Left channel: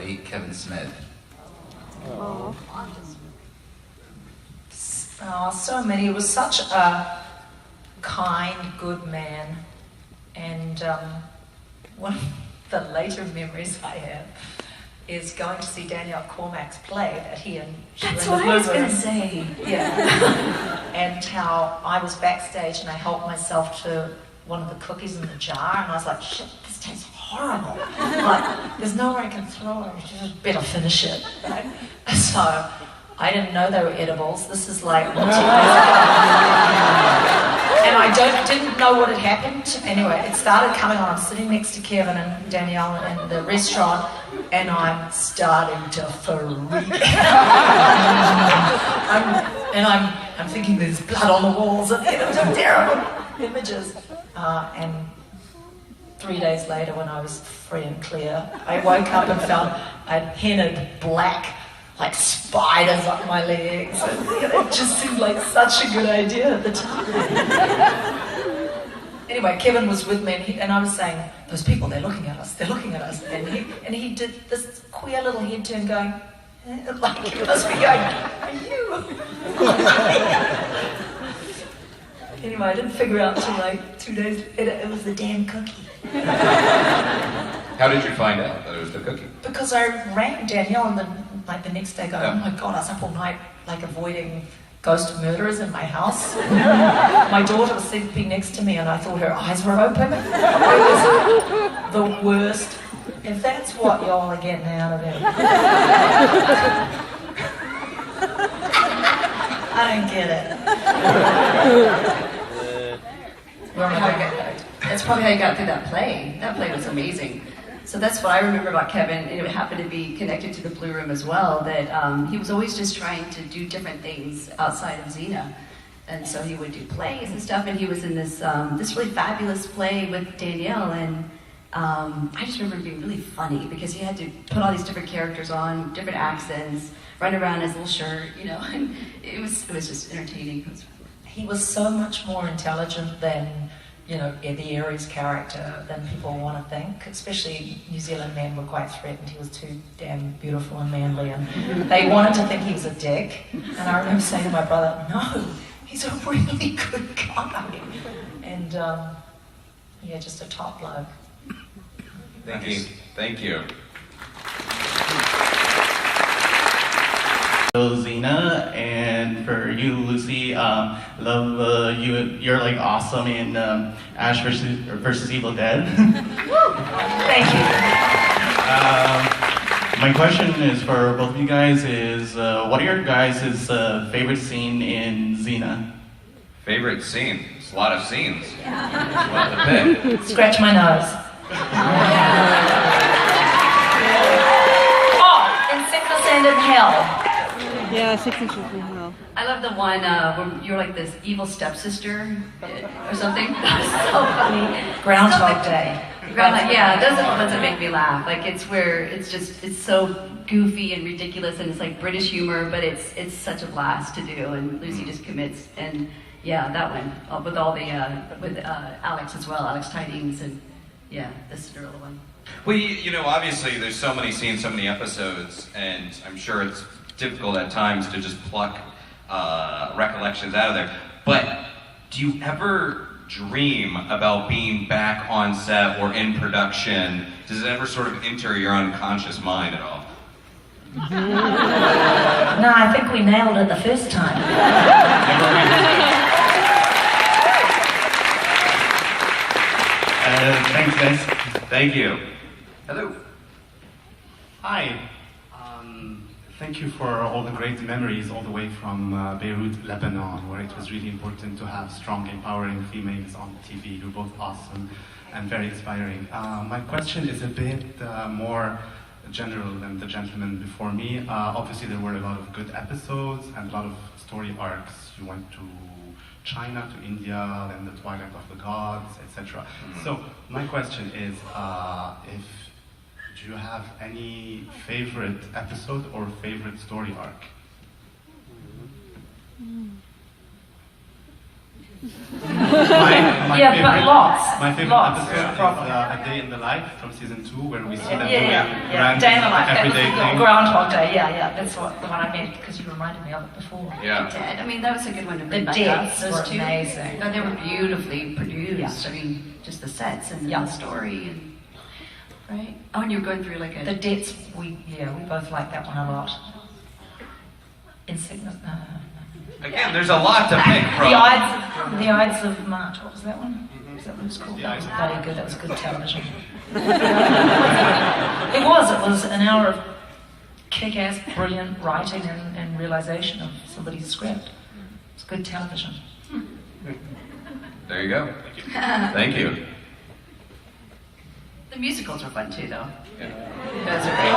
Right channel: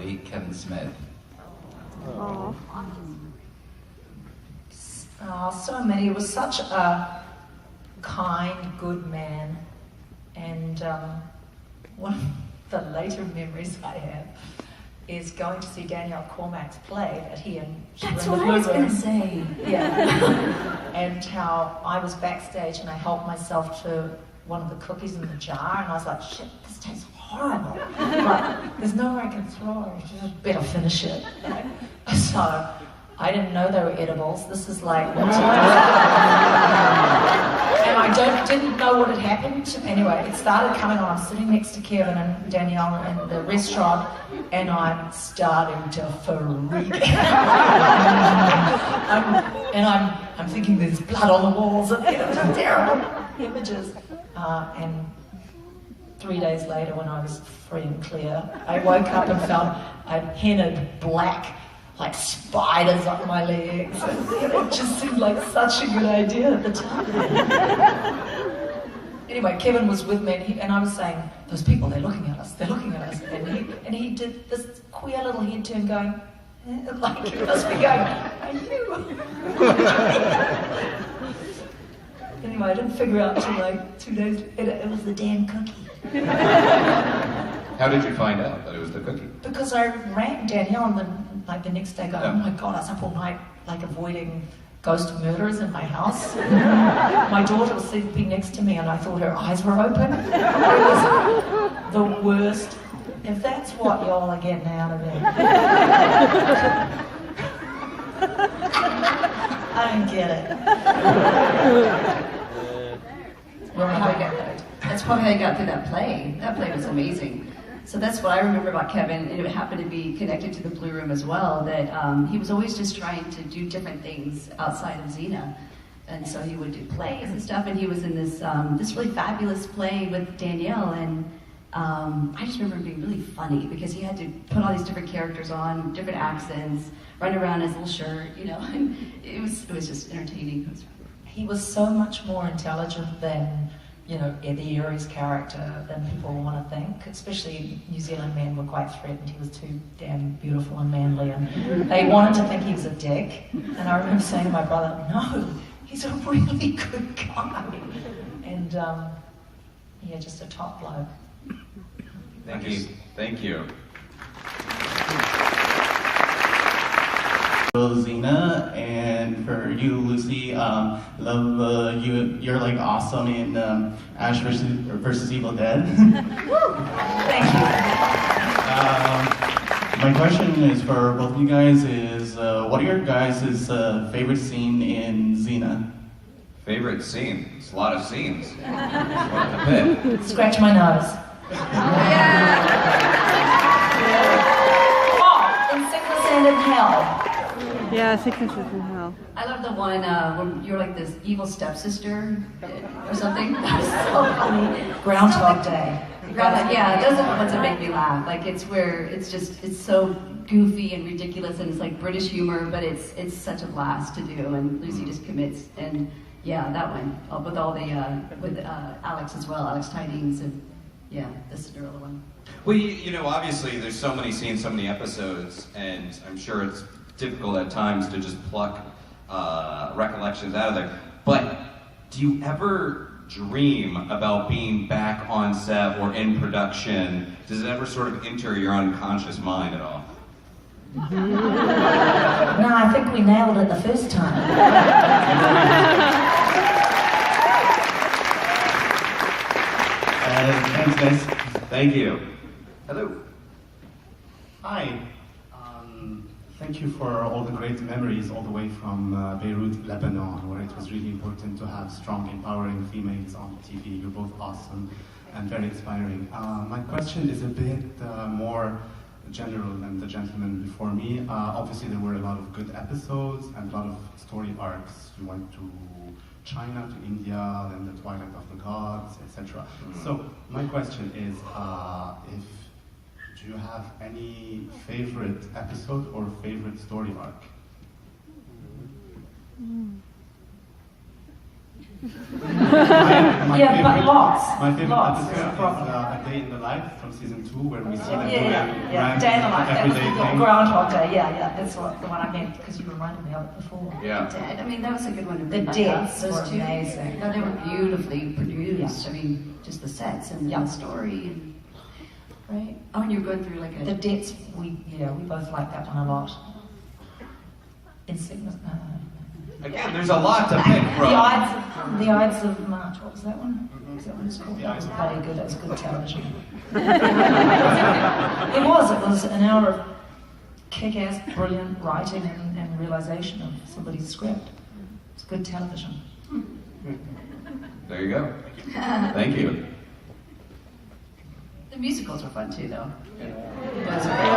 late Kevin Smith? Oh. So many. He was such a kind, good man. And one of the later memories I have is going to see Danielle Cormack's play that he and she That's were in what I the was blue going room. to say. Yeah. And how I was backstage and I helped myself to one of the cookies in the jar, and I was like, shit, this tastes horrible. Like, there's nowhere I can throw it, I just better finish it. So I didn't know they were edibles. This is like, and I didn't know what had happened. Anyway, it started coming on. I'm sitting next to Kevin and Danielle in the restaurant, and I'm starting to freak out. I'm thinking there's blood on the walls, and it's terrible images. And 3 days later, when I was free and clear, I woke up and found I hennaed black, like spiders up my legs. And it just seemed like such a good idea at the time. Anyway, Kevin was with me, and I was saying, those people, they're looking at us. And he did this queer little head turn going, like he must be going, are you? Anyway, I didn't figure out until like 2 days later it was the damn cookie. How did you find out that it was the cookie? Because I rang Danielle and then like the next day going, oh my God, I was up all night like avoiding ghost murderers in my house. My daughter was sleeping next to me and I thought her eyes were open. It was the worst. If that's what y'all are getting out of it. I don't get it. That's probably how you got through that play. That play was amazing. So that's what I remember about Kevin, and it happened to be connected to the Blue Room as well, that he was always just trying to do different things outside of Xena. And so he would do plays and stuff, and he was in this this really fabulous play with Danielle, and I just remember being really funny because he had to put all these different characters on, different accents, run around in his little shirt, you know, and it was just entertaining. He was so much more intelligent than, you know, Eddie Aries' character than people want to think. Especially New Zealand men were quite threatened. He was too damn beautiful and manly, and they wanted to think he was a dick. And I remember saying to my brother, no, he's a really good guy. And yeah, just a top bloke. Thank you. Thank you. Xena, and for you, Lucy, love you. You're like awesome in Ash versus Evil Dead. Thank you. My question is for both of you guys: is what are your guys' favorite scene in Xena? Favorite scene? It's a lot of scenes. What to pick? Scratch my nose. Oh, in Sickness and in Hell. Yeah, 6 inches from hell. I love the one when you're like this evil stepsister or something. That was so funny. Groundhog Day. Yeah, those are the ones that make me laugh. Like it's where it's so goofy and ridiculous, and it's like British humor, but it's such a blast to do. And Lucy just commits, and yeah, that one with all the with Alex as well, Alex Tidings, and yeah, the Cinderella one. Well, you know, obviously there's so many scenes, so many episodes, and I'm sure it's difficult at times to just pluck recollections out of there. But do you ever dream about being back on set or in production? Does it ever sort of enter your unconscious mind at all? No, I think we nailed it the first time. Thanks, guys. Thank you. Hello. Hi. Thank you for all the great memories all the way from Beirut, Lebanon, where it was really important to have strong, empowering females on TV. You're both awesome and very inspiring. My question is a bit more general than the gentleman before me. Obviously, there were a lot of good episodes and a lot of story arcs. You went to China, to India, then the Twilight of the Gods, etc. So my question is, do you have any favorite episode or favorite story arc? my Yeah, favorite, but lots. My favorite Lots. episode is Proper. A Day in the Life from season 2, where we see them Yeah, doing yeah. random Day in the life. everyday things. Groundhog Day. Yeah. That's the one I meant because you reminded me of it before. Yeah. I mean, that was a good one to The bring back deaths up. were Those two, amazing. they were beautifully produced. Yeah. I mean, just the sets and Yeah. the story, and, right? Oh, and you were going through like a. The deaths, we both like that one a lot. Insignis. Again, there's a lot to pick from. The Ides of March. What was that one? Is that what it's called? That was very good. That was good television. It was an hour of kick-ass, brilliant writing and realization of somebody's script. It's good television. There you go. Thank you. The musicals were fun too, though. Yeah. Those are great.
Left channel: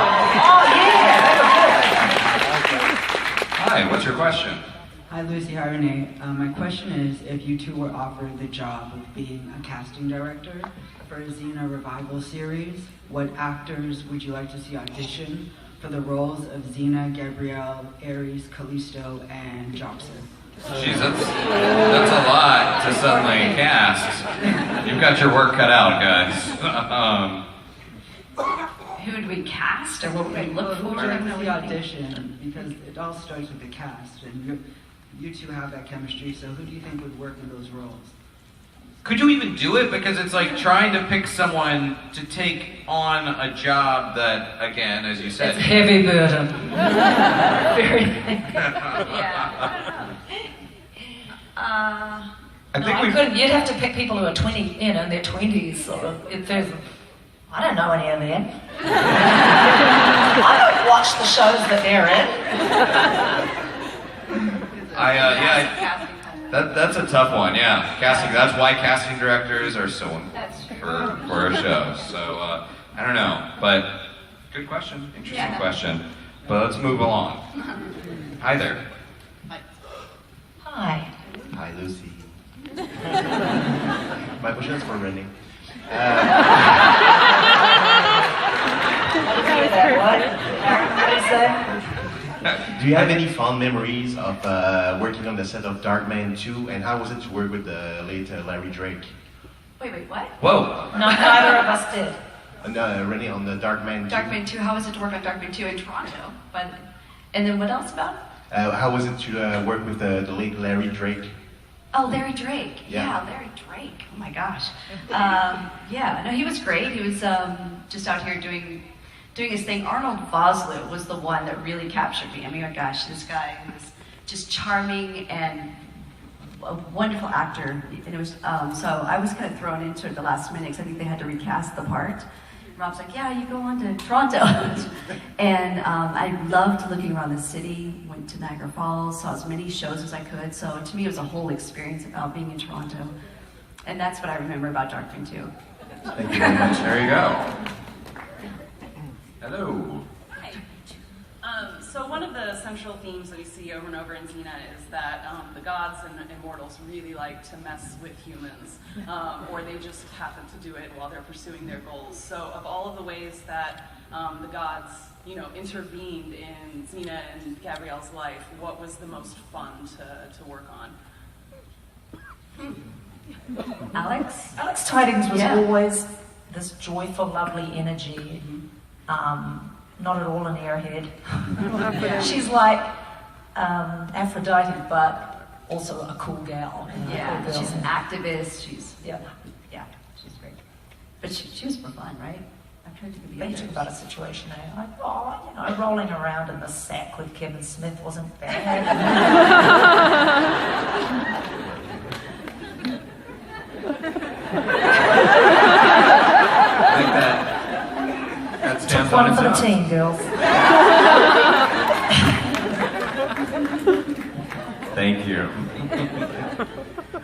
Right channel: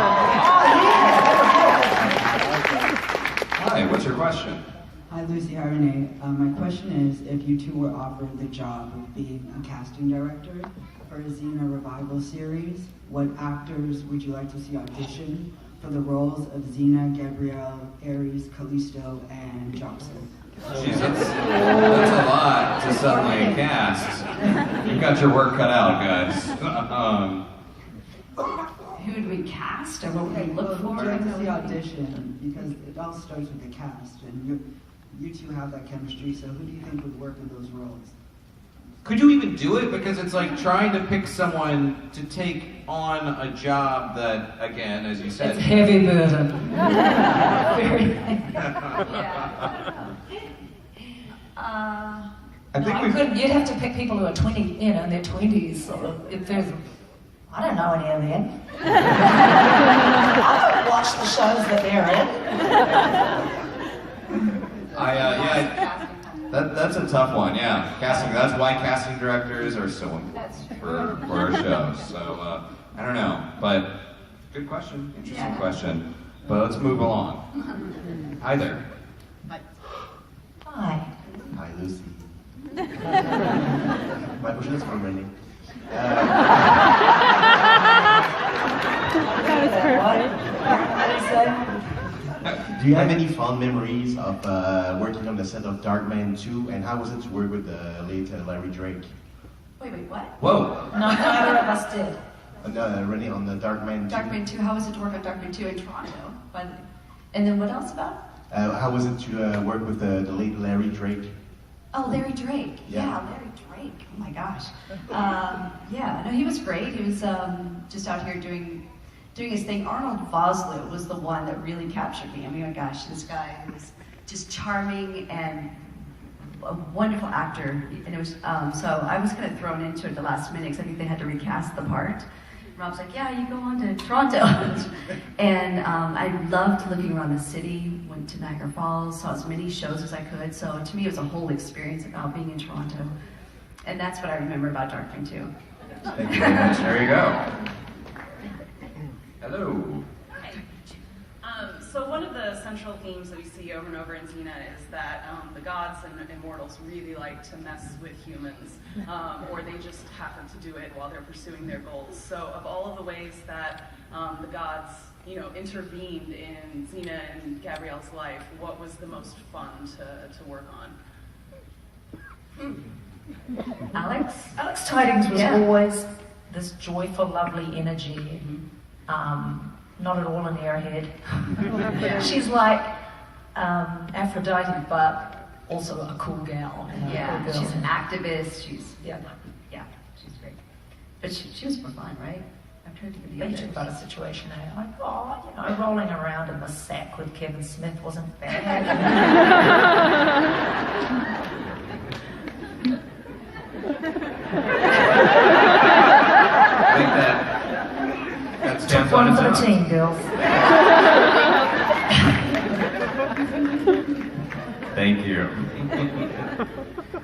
Hi, what's your question? Hi, Lucy. Hi, Renee. My question is, if you two were offered the job of being a casting director for a Xena revival series, what actors would you like to see audition for the roles of Xena, Gabrielle, Ares, Callisto, and Jobson? Jeez, that's a lot to suddenly cast. You've got your work cut out, guys. Who would we cast, or what would we look Who would for? you like to see audition? Because it all starts with the cast, and you two have that chemistry, so who do you think would work in those roles? Could you even do it? Because it's like trying to pick someone to take on a job that, again, as you said. It's a heavy burden. Very. I think we couldn't. You'd have to pick people who are 20, in their 20s. Sort of. If there's, I don't know any of them. I don't watch the shows that they're in. That's a tough one, yeah. Casting, that's why casting directors are so important for a show. So, I don't know, but good question, interesting question. But let's move along. Hi there. Hi. Hi, Lucy. My question is for Renee. Do you have any fond memories of working on the set of Darkman 2, and how was it to work with the late Larry Drake? Wait, what? Whoa. No, neither of us did. Renee, on the Darkman 2. Darkman 2, how was it to work on Darkman 2 in Toronto? And then what else about it? How was it to work with the late Larry Drake? Oh, Larry Drake. Yeah. Larry Drake. Oh my gosh. No, he was great. He was just out here doing his thing. Arnold Vosloo was the one that really captured me. I mean, oh my gosh, this guy was just charming and a wonderful actor. And it was so I was kind of thrown into it the last minute because I think they had to recast the part. Rob's like, yeah, you go on to Toronto. And I loved looking around the city, went to Niagara Falls, saw as many shows as I could. So to me, it was a whole experience about being in Toronto. And that's what I remember about Darkman 2. Thank you very much. There you go. Hello. So one of the central themes that we see over and over in Xena is that the gods and immortals really like to mess with humans, or they just happen to do it while they're pursuing their goals. So of all of the ways that the gods, intervened in Xena and Gabrielle's life, what was the most fun to work on? Alex? Alex Tidings was Yeah. always this joyful, lovely energy. Not at all an airhead. She's like Aphrodite, but also a cool gal. Yeah, cool girl. she's an activist. She's Yeah. she's great. But she was for fun, right? I tried to be the They others. talk about a situation there. Like, rolling around in the sack with Kevin Smith wasn't bad. I think that stands One on for the its own. team, girls. Thank you.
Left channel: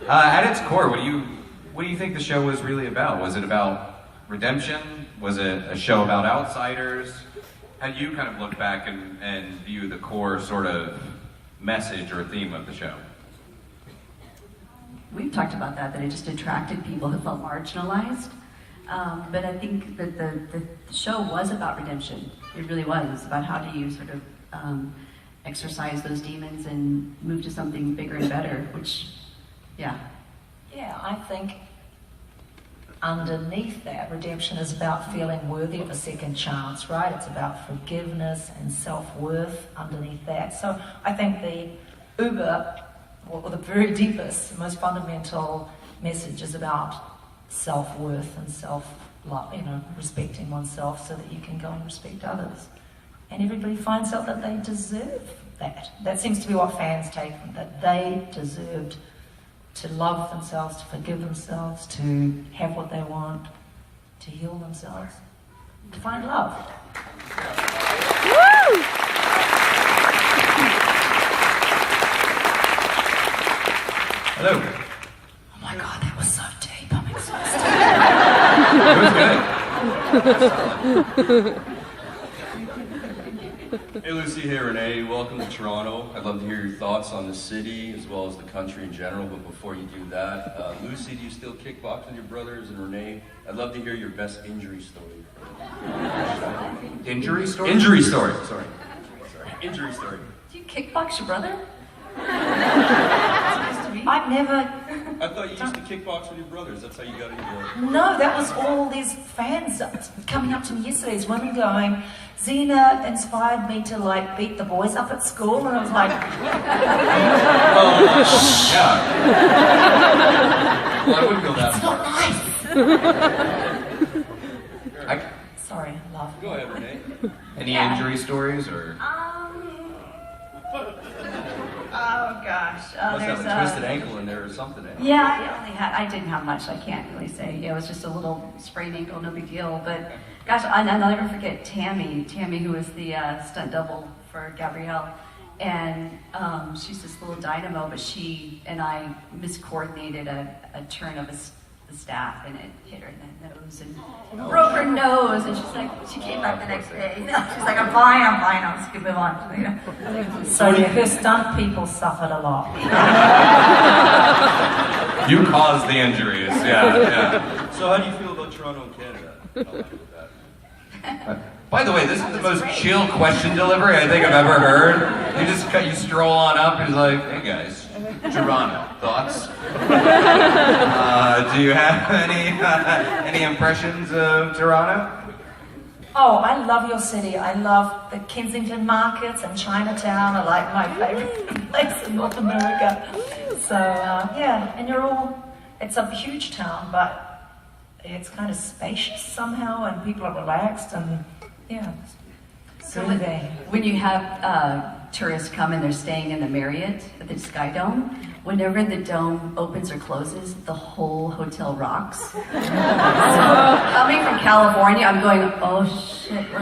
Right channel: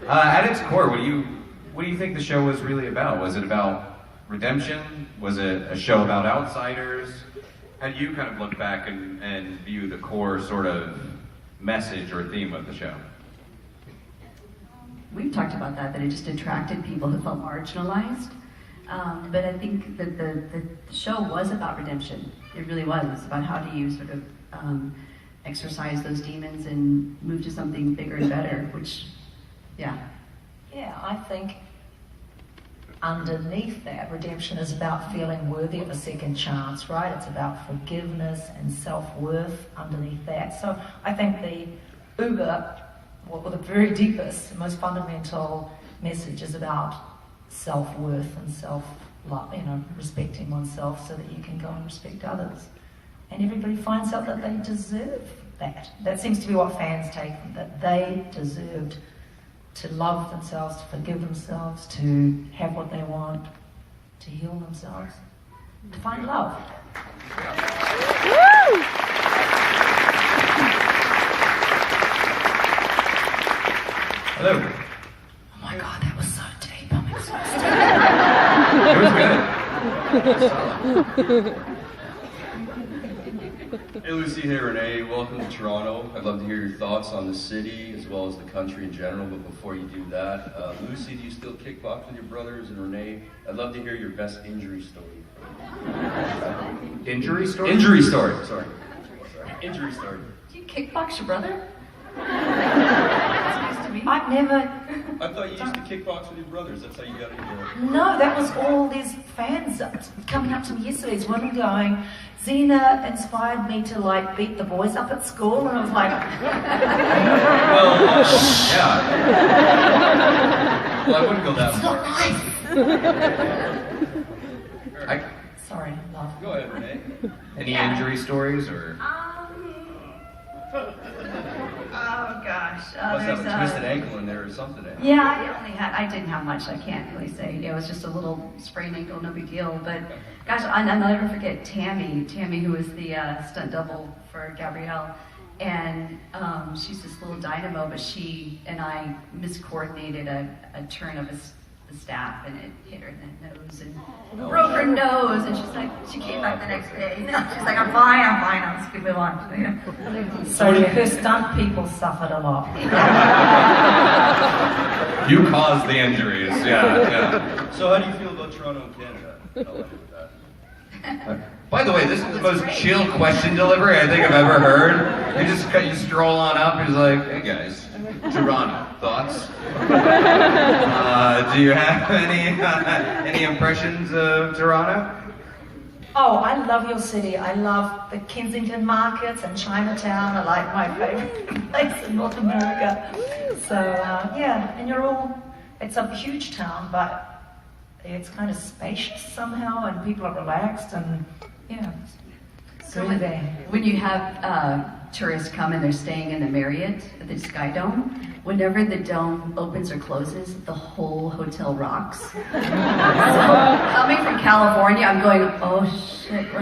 At its core, what do you think the show was really about? Was it about redemption? Was it a show about outsiders? How do you kind of look back and view the core sort of message or theme of the show? We've talked about that it just attracted people who felt marginalized. But I think that the show was about redemption. It really was. It's about how do you sort of exorcise those demons and move to something bigger and better, which, yeah. Yeah, I think underneath that, redemption is about feeling worthy of a second chance, right? It's about forgiveness and self-worth underneath that. So I think the the very deepest, most fundamental message is about self-worth and self-love, respecting oneself so that you can go and respect others. And everybody finds out that they deserve that. That seems to be what fans take, that they deserved to love themselves, to forgive themselves, to have what they want, to heal themselves, to find love. Woo! Hello. Oh my God, that was so deep. I'm exhausted. It was good. Hey Lucy, hey Renee, welcome to Toronto. I'd love to hear your thoughts on the city as well as the country in general, but before you do that, Lucy, do you still kickbox with your brothers? And Renee, I'd love to hear your best injury story. Injury story? Injury story, sorry. Injury story. Do you kickbox your brother? That's nice to meet you. I've never... I thought you used to kickbox with your brothers, that's how you got into it. No, that was all these fans coming up to me yesterday, these women going, Xena inspired me to beat the boys up at school, and I was like... Well, yeah. Well, I wouldn't go that far. Sorry, love. Go ahead, Renee. Any injury stories or? Oh gosh. Must have a twisted ankle in there or something. Yeah, I didn't have much. I can't really say. Yeah, it was just a little sprained ankle, no big deal. But gosh, I'll never forget Tammy, who was the stunt double for Gabrielle. And she's this little dynamo, but she and I miscoordinated a turn of the staff, and it hit her in the nose and broke her nose. And she's like, she came back the next day. She's like, I'm fine, I'm just gonna move on. So her stunt people suffered a lot. You caused the injuries, yeah. So how do you feel about Toronto and Canada? How about that? By the way, this is the most chill question delivery I think I've ever heard. You stroll on up, he's like, hey guys, Toronto, thoughts? Do you have any impressions of Toronto? Oh, I love your city. I love the Kensington markets and Chinatown are like my favorite place in North America. So, yeah, and it's a huge town, but it's kind of spacious somehow, and people are relaxed, and yeah. So when you have tourists come and they're staying in the Marriott at the Sky Dome, whenever the dome opens or closes, the whole hotel rocks. So coming from California, I'm going, oh shit, we're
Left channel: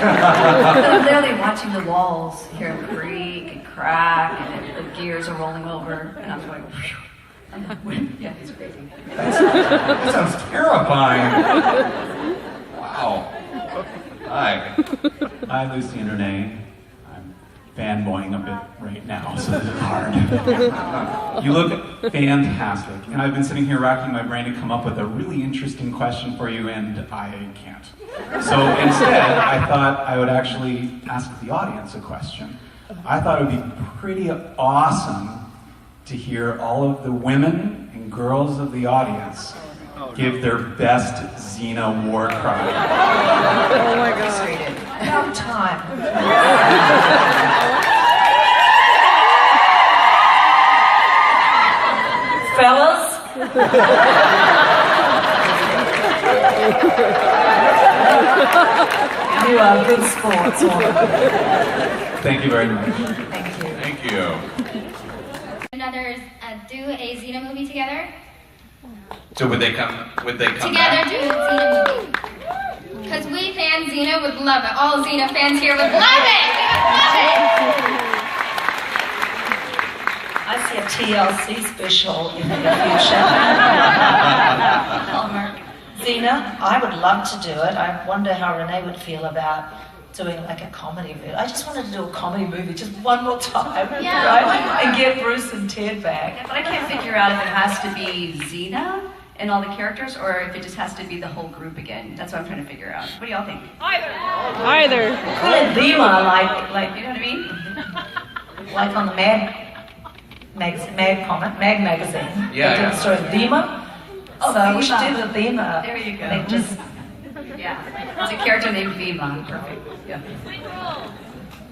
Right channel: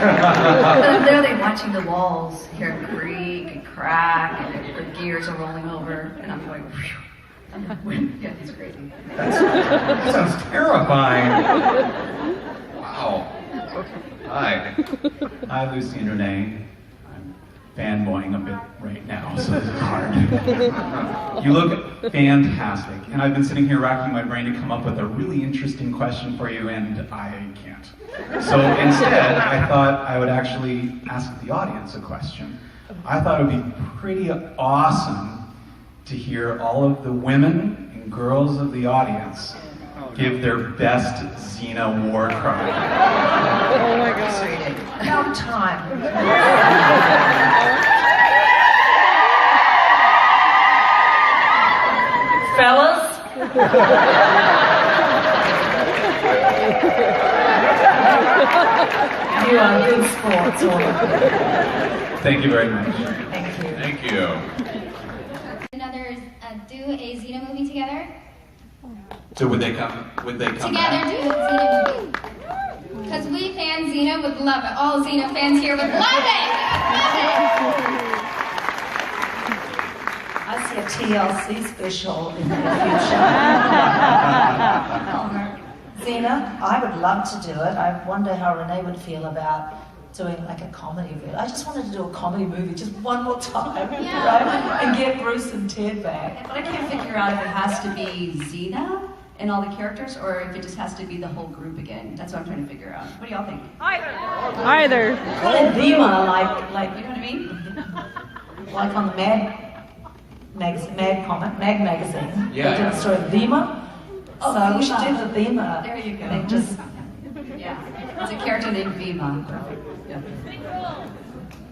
I'm literally watching the walls hear them creak and crack, and the gears are rolling over, and I'm going, phew. Yeah, it's crazy. That sounds terrifying. Wow. Hi. Hi, Lucy and Renee. I'm fanboying a bit right now, so this is hard. You look fantastic, and I've been sitting here racking my brain to come up with a really interesting question for you, and I can't. So instead, I thought I would actually ask the audience a question. I thought it would be pretty awesome to hear all of the women and girls of the audience give their best Xena war cry. Oh my god. No time. Fellas? You are good sports. Thank you very much. Thank you. Thank you. Do a Xena movie together? So would they come Together, back? do a Xena movie. Because we fans Xena would love it. All Xena fans here would love it! Love it! I see a TLC special in the future. Xena, I would love to do it. I wonder how Renee would feel about doing like a comedy movie. I just wanted to do a comedy movie just one more time, Yeah. right? And get Bruce and Ted back. But I can't figure out if it has to be Xena and all the characters, or if it just has to be the whole group again. That's what I'm trying to figure out. What do y'all think? Either. Call it Dima, like You know what I mean? like on Mag magazine. Yeah, They did yeah. the story of Vima. Oh, so we Vima. should do the Vima. There you go. They just Yeah, it's a character named Vima. Perfect. Yeah.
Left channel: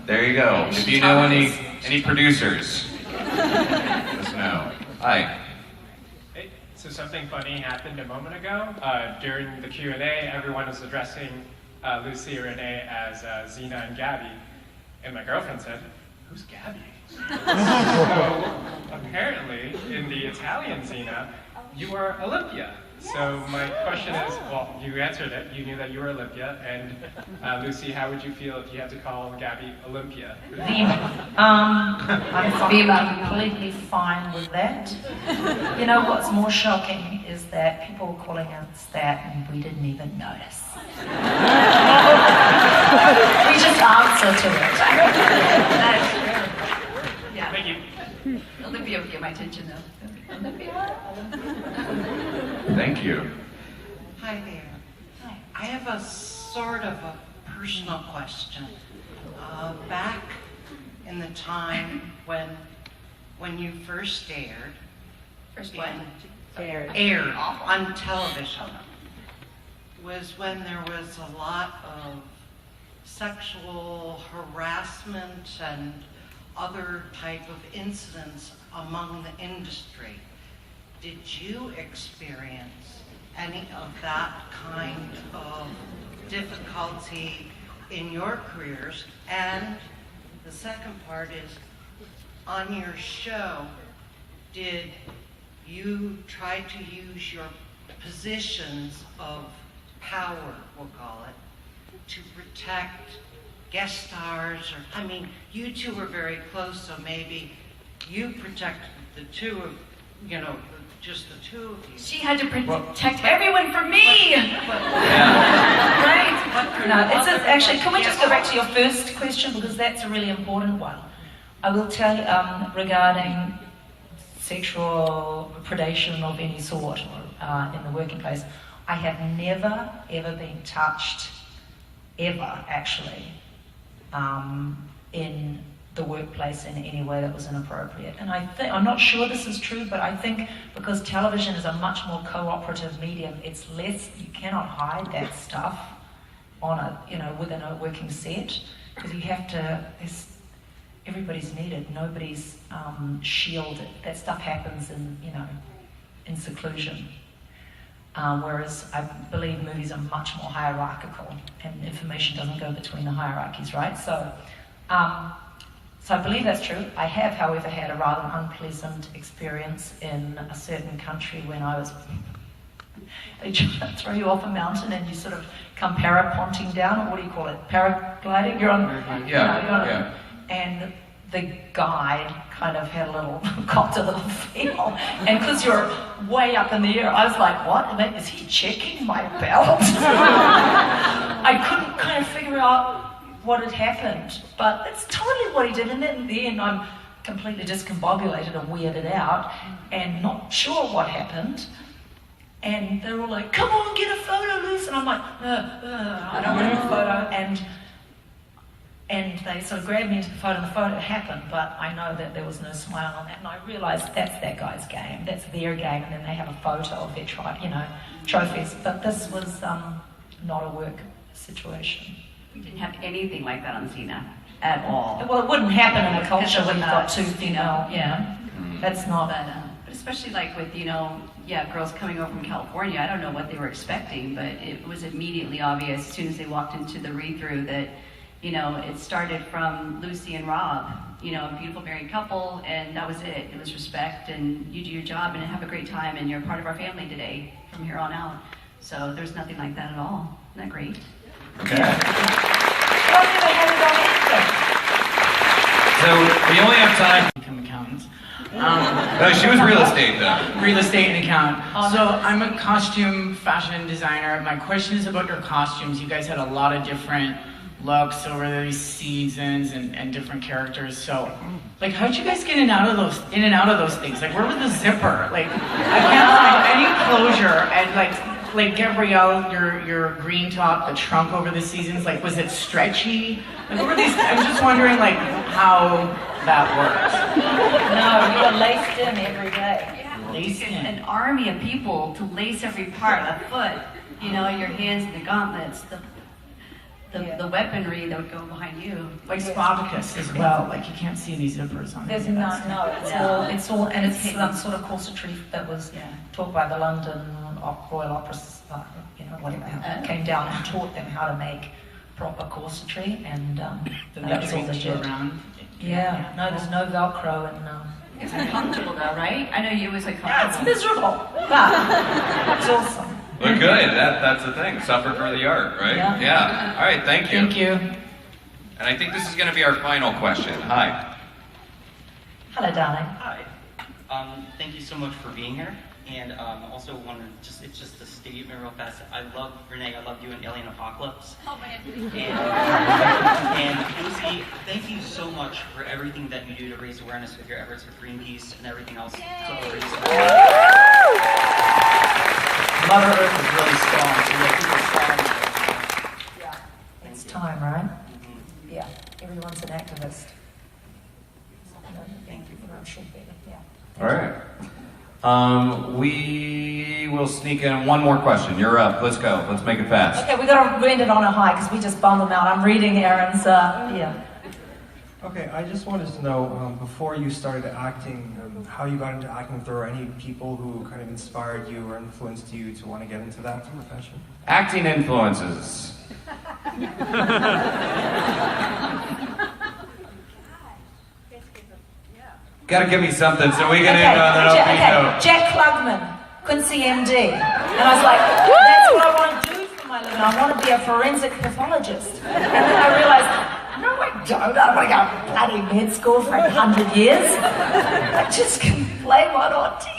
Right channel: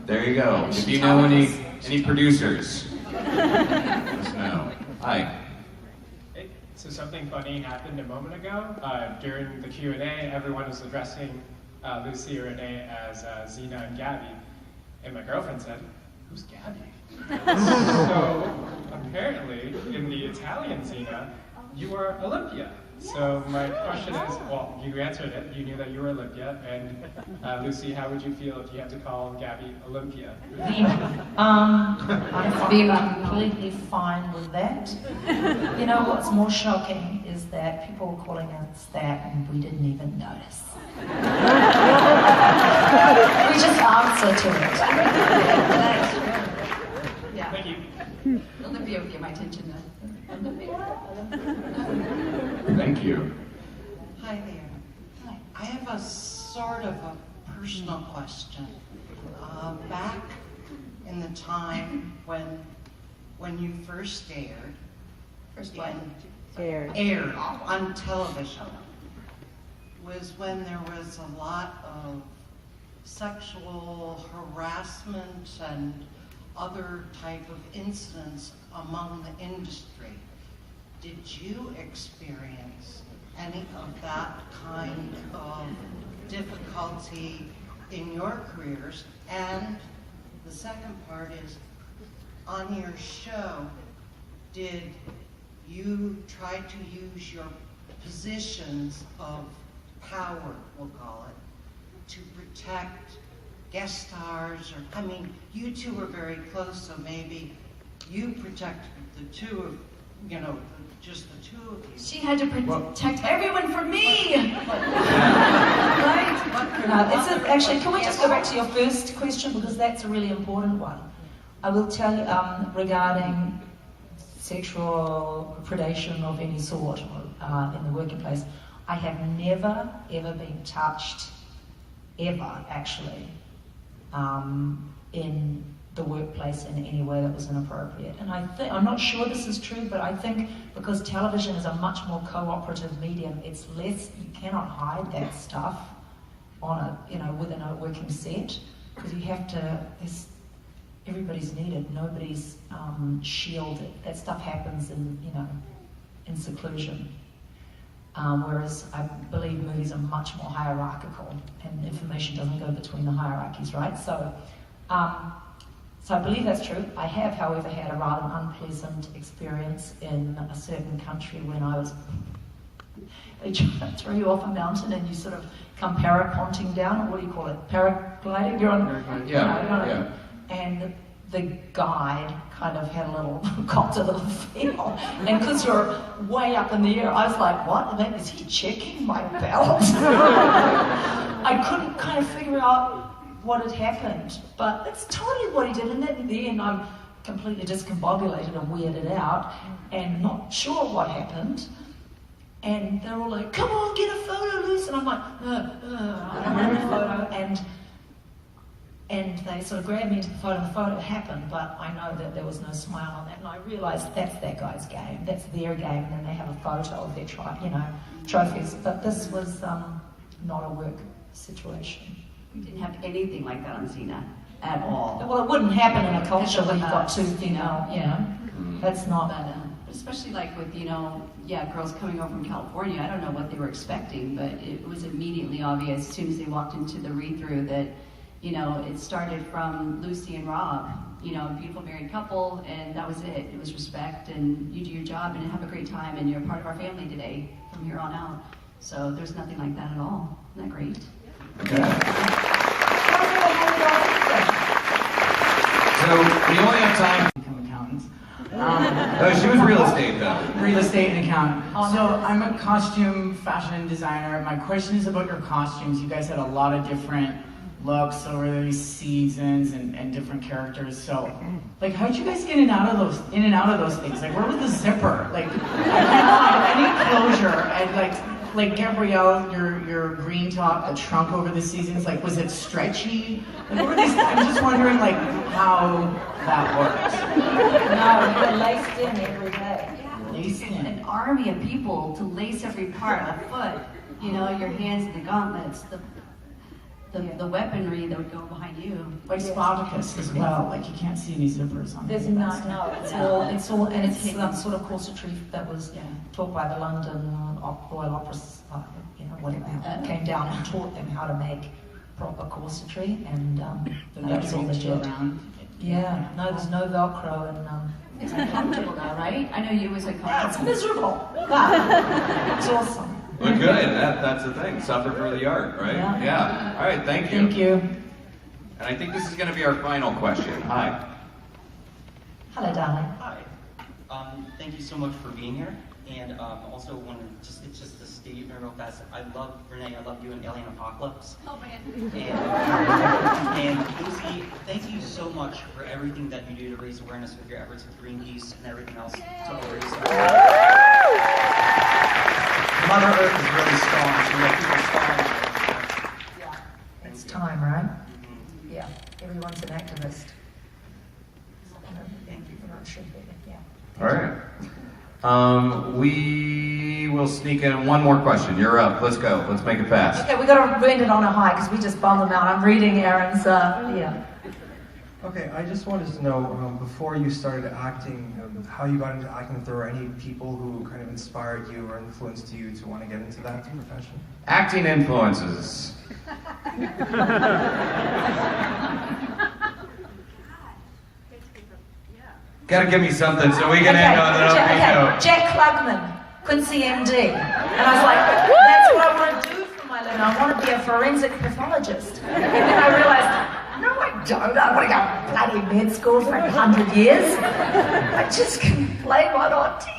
There you go. If you know any producers, let us know. Hi. Hey, so something funny happened a moment ago. During the Q&A, everyone was addressing Lucy and Renee as Zena and Gabby. And my girlfriend said, "Who's Gabby?" So apparently, in the Italian Zena, you are Olympia. So my question is, well, you answered it. You knew that you were Olympia. And Lucy, how would you feel if you had to call Gabby Olympia? I'm completely fine with that. You know what's more shocking is that people were calling us that and we didn't even notice. We just answer to it. Yeah. Thank you. Olympia would get my attention though. Olympia. Thank you. Hi there. I have a sort of a personal question. Back in the time when you first aired, aired on television, was when there was a lot of sexual harassment and other type of incidents among the industry. Did you experience any of that kind of difficulty in your careers? And the second part is, on your show, did you try to use your positions of power, we'll call it, to protect guest stars? Or, I mean, you two were very close, so maybe you protected the two of, you know, just the two of you. She had to protect everyone from me. No, actually, can we just go back to your first question, because that's a really important one. I will tell you regarding sexual predation of any sort in the working place, I have never ever been touched, ever actually, in the workplace in any way that was inappropriate. And I'm not sure this is true, but I think because television is a much more cooperative medium, it's less, you cannot hide that stuff on a, you know, within a working set, because you have to, everybody's needed, nobody's shielded. That stuff happens in, you know, in seclusion. Whereas I believe movies are much more hierarchical and information doesn't go between the hierarchies, right? So I believe that's true. I have, however, had a rather unpleasant experience in a certain country when I was, they try to throw you off a mountain and you sort of come paraponting down, or what do you call it, paragliding? You're on, Yeah. And the guide kind of had a little, got a little feel. And because you're way up in the air, I was like, what? Is he checking my belt? I couldn't kind of figure out what had happened, but that's totally what he did. And in the end, I'm completely discombobulated and weirded out and not sure what happened. And they were like, come on, get a photo, Luce. And I'm like, I don't want a photo. And they sort of grabbed me into the photo, and the photo happened, but I know that there was no smile on that, and I realised that's that guy's game, that's their game, and then they have a photo of their trophies. But this was not a work situation. We didn't have anything like that on Xena at all. Well, it wouldn't happen in a culture when you've got two female, that's not. But especially like with, girls coming over from California, I don't know what they were expecting, but it was immediately obvious as soon as they walked into the read-through that, it started from Lucy and Rob, a beautiful married couple, and that was it. It was respect, and you do your job and have a great time, and you're part of our family today from here on out. So there's nothing like that at all. Isn't that great? Okay. So we only have time. Become accountants. She was real estate though. Real estate and accountant. So I'm a costume fashion designer. My question is about your costumes. You guys had a lot of different looks over these seasons and different characters. So, how'd you guys get in and out of those things? Where was the zipper? I can't find any closure. like Gabrielle, your green top, the trunk over the seasons, like was it stretchy? Like, what were these? I'm just wondering like how that works. No, you're laced in every day. Laced in. An army of people to lace every part, a foot, you know, your hands, the gauntlets, the weaponry that would go behind you. Like Spartacus as well, like you can't see any zippers on it. There's no, it's all, and it's some sort of corsetry that was taught by the London Royal Opera, whatever, came down and taught them how to make proper corsetry, and that was all legit. Yeah, no, there's no Velcro, and it's uncomfortable though, right? I know you always like comfortable. Yeah, it's miserable. Yeah. It's awesome. Well, good. That's the thing. Suffer for the art, right? Yeah. All right. Thank you. Thank you. And I think this is going to be our final question. Hi. Hello, darling. Hi. Thank you so much for being here. And also wanted it's just a statement real fast. I love Renee. I love you in Alien Apocalypse. Oh man. And Lucy, thank you so much for everything that you do to raise awareness with your efforts with Greenpeace and everything else. Mother Earth is really strong, so you have people strong. Yeah, it's time, right? Mm-hmm. Yeah, everyone's an activist. Thank you. Everyone should be, yeah. All right. We will sneak in one more question. You're up. Let's go. Let's make it fast. Okay, we got to end it on a high because we just bummed them out. I'm reading Aaron's, Okay, I just wanted to know, before you started acting, how you got into acting, if there were any people who kind of inspired you or influenced you to want to get into that profession? Acting influences. Gotta give me something so we can end on an upbeat note. Jack Klugman, Quincy MD. And I was like, that's what I want to do for my living. I want to be a forensic pathologist. And then I realized, no, I don't. I don't want to go to bloody med school for 100 years. I just can play one on TV.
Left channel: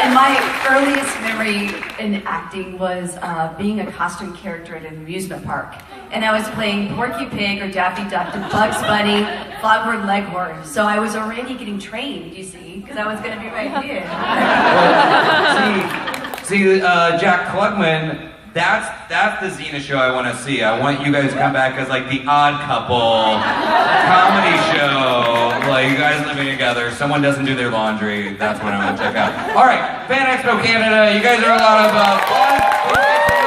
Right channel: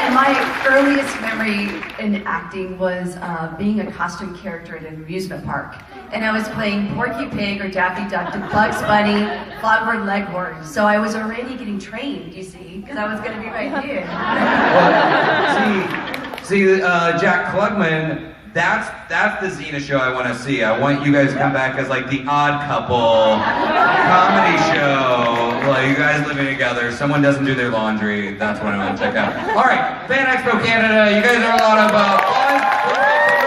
And my earliest memory in acting was being a costume character at an amusement park. And I was playing Porky Pig or Daffy Duck to Bugs Bunny, Fogward Leghorn. So I was already getting trained, you see, because I was going to be right here. See, Jack Klugman, that's the Xena show I want to see. I want you guys to come back as like the Odd Couple comedy show. Like you guys living together, someone doesn't do their laundry. That's what I want to check out. All right, Fan Expo Canada, you guys are a lot of fun.